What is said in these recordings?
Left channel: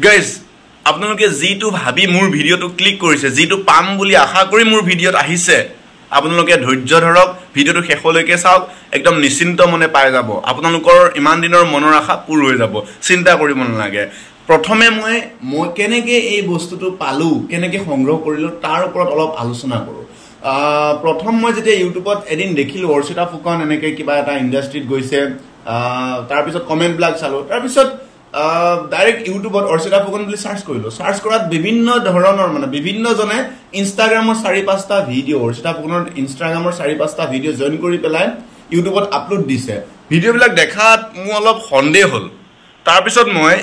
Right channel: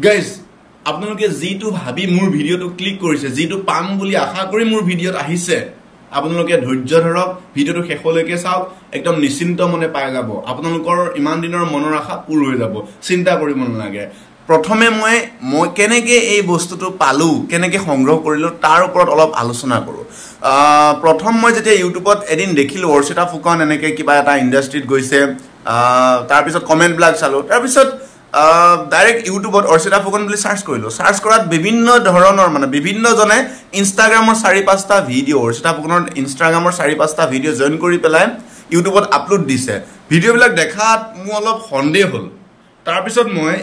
Guys আপোনালোকে যিটো ভাবি মোৰ ভিডিঅ'টো ক্লিক কৰিছে, যিটো পাম বুলি আশা কৰি মোৰ ভিডিঅ'ত আহিছে, আপোনালোকে ধৈৰ্য ধৰক, ভিডিঅ'টো শেষলৈকে চাওক, একদম নিশ্চিন্ত মনে পাই যাব। আপোনালোকৰ ইমান দিনৰ মনৰ আশা পূৰ হৈ যাব, চিন্তা কৰিব নালাগে। প্ৰথমে মই কেনেকৈ এই বস্তুটো পালোঁ, কেনেকৈ সংগ্ৰহ কৰিলোঁ তাৰ ওপৰত অলপ আলোচনা কৰোঁ। প্ৰথম মই যেতিয়া ইউটিউবত এদিন দেখিলোঁ অৰ্চিতা ফুকন এনেকৈ কিবা এটা ইণ্ডাষ্ট্ৰীত গৈছে, তাৰপিছত কমেণ্টবিলাক চালোঁ, তাৰপিছত ডাইৰেক্ট ইউটিউবত অৰ্চিতা ফুকন বুলি চাৰ্চ কৰিলোঁ। চাৰ্চ কৰাত বিভিন্ন ধৰণৰ বিভিন্নজনে ইনষ্টাগ্ৰামৰ 4-5টা ভিডিঅ' অৰ্চিতা ফুকনৰ ইনষ্টাগ্ৰামৰ 4-5টা ভিডিঅ' জইন কৰি পেলাই ইউটিউবত আপলোড দিছে। ভিডিঅ'বিলাক দেখাত মোৰ অলপ সন্দেহ হ'ল। তাৰপিছত মই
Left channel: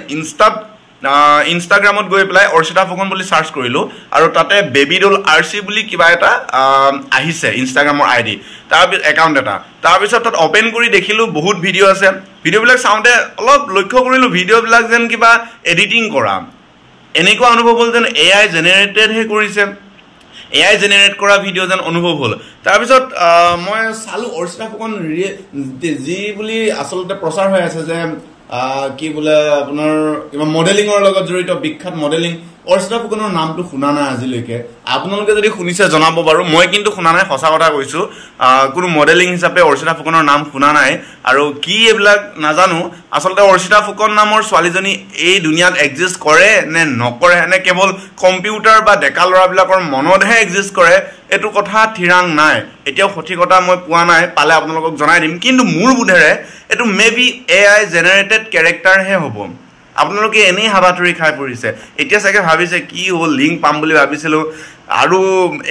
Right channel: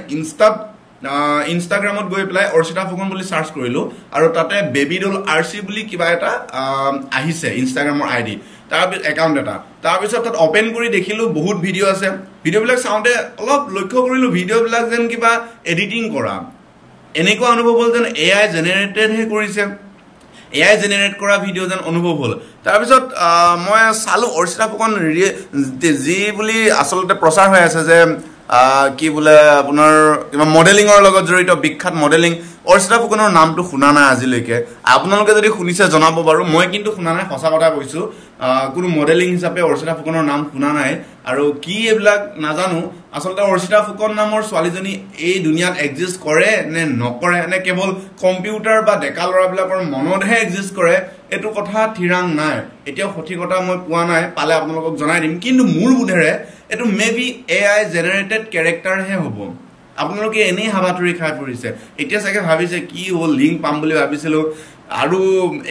ইনষ্টাগ্ৰামত গৈ পেলাই অৰ্চিতা ফুকন বুলি চাৰ্চ কৰিলোঁ আৰু তাতে বেবিডল RC বুলি কিবা এটা আহিছে ইনষ্টাগ্ৰামৰ ID, তাৰপিছত একাউণ্ট এটা। তাৰপিছত তাত অপেন কৰি দেখিলোঁ বহুত ভিডিঅ' আছে। ভিডিঅ'বিলাক চাওঁতে অলপ লক্ষ্য কৰিলোঁ ভিডিঅ'বিলাক যেন কিবা এডিটিং কৰা, এনেকুৱা অনুভৱ হ'ল যেন AI জেনেৰেটেডহে কৰিছে, AI জেনেৰেট কৰা ভিডিঅ' যেন অনুভৱ হ'ল। তাৰপিছত মই চালোঁ অৰ্চিতা ফুকন যি বুলি আচলতে প্ৰচাৰ হৈ আছে যে কি বোলে আপোনাৰ কিবা মডেলিঙৰ লগত জড়িত, বিখ্যাত মডেলিং। অৰ্চিতা ফুকনৰ নামটো শুনা নাই আজিলৈকে। আপোনালোকে যদি শুনিছে জনাব বাৰু, মই কিন্তু শুনা নাই, সঁচা কথা কৈছোঁ। কোনো মডেলিং হিচাপে অৰ্চিতা ফুকনৰ নাম শুনা নাই আৰু কি এইবিলাক নাজানো। আচলতে অৰ্চিতা ফুকন নামৰ ছোৱালীজনী এই দুনিয়াত এক্সিষ্ট কৰে নে নকৰে, নে কেৱল কম্পিউটাৰ বা ডেকা ল'ৰাবিলাকৰ মনতহে এক্সিষ্ট কৰে, এইটো কথা থিৰাং নাই। এতিয়াও সঠিকতা মই পোৱা নাই, পালে আপোনালোকক জনাই দিম। কিন্তু মোৰ বোধেৰে এইটো মেবি AI জেনেৰেটেড কেৰেক্টাৰহে হ'ব। আপোনালোকে এনেই হাবাথুৰি খাই পৰিছে। এতিয়া চাগে ভাবিছে কি হ'ল, লিংক পাম বুলি ভাবিছিলোঁ আৰু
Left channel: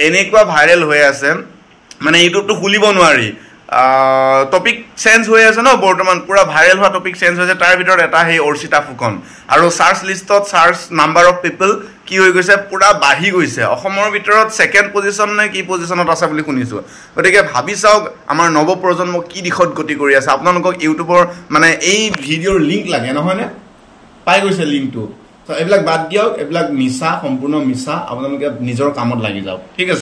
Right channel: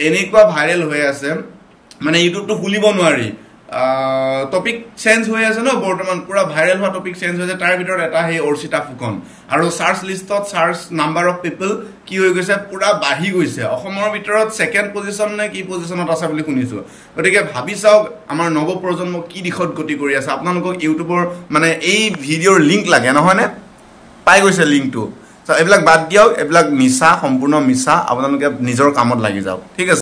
এনেকুৱা ভাইৰেল হৈ আছে, ইউটিউবটো খুলিব নোৱাৰি। টপিক চেঞ্জ হৈ আছে ন, বৰ্তমান পুৰা ভাইৰেল হোৱা টপিক চেঞ্জ হৈছে। তাৰ ভিতৰত এটা সেই অৰ্চিতা ফুকন আৰু চাৰ্চ লিষ্টত চাৰ্চ নাম্বাৰ অফ পিপল কি হৈ গৈছে, পুৰা বাঢ়ি গৈছে। অসমৰ ভিতৰত 2nd পজিশ্যন নে কি পজিশ্যনত আছে বুলি শুনিছোঁ। গতিকে ভাবি চাওক আমাৰ নৱপ্ৰজন্ম কি দিশত গতি কৰি আছে। আপোনালোকক ইউটিউবৰ এই ভিডিঅ'ৰ লিংক লাগে নহয়নে? পাই গৈছে লিংকটো। এইবিলাক বাদ দিয়ক, এইবিলাক মিছা, সম্পূৰ্ণ মিছা। আপোনালোকে নিজৰ কামত লাগি যাওক, ঠিক আছে।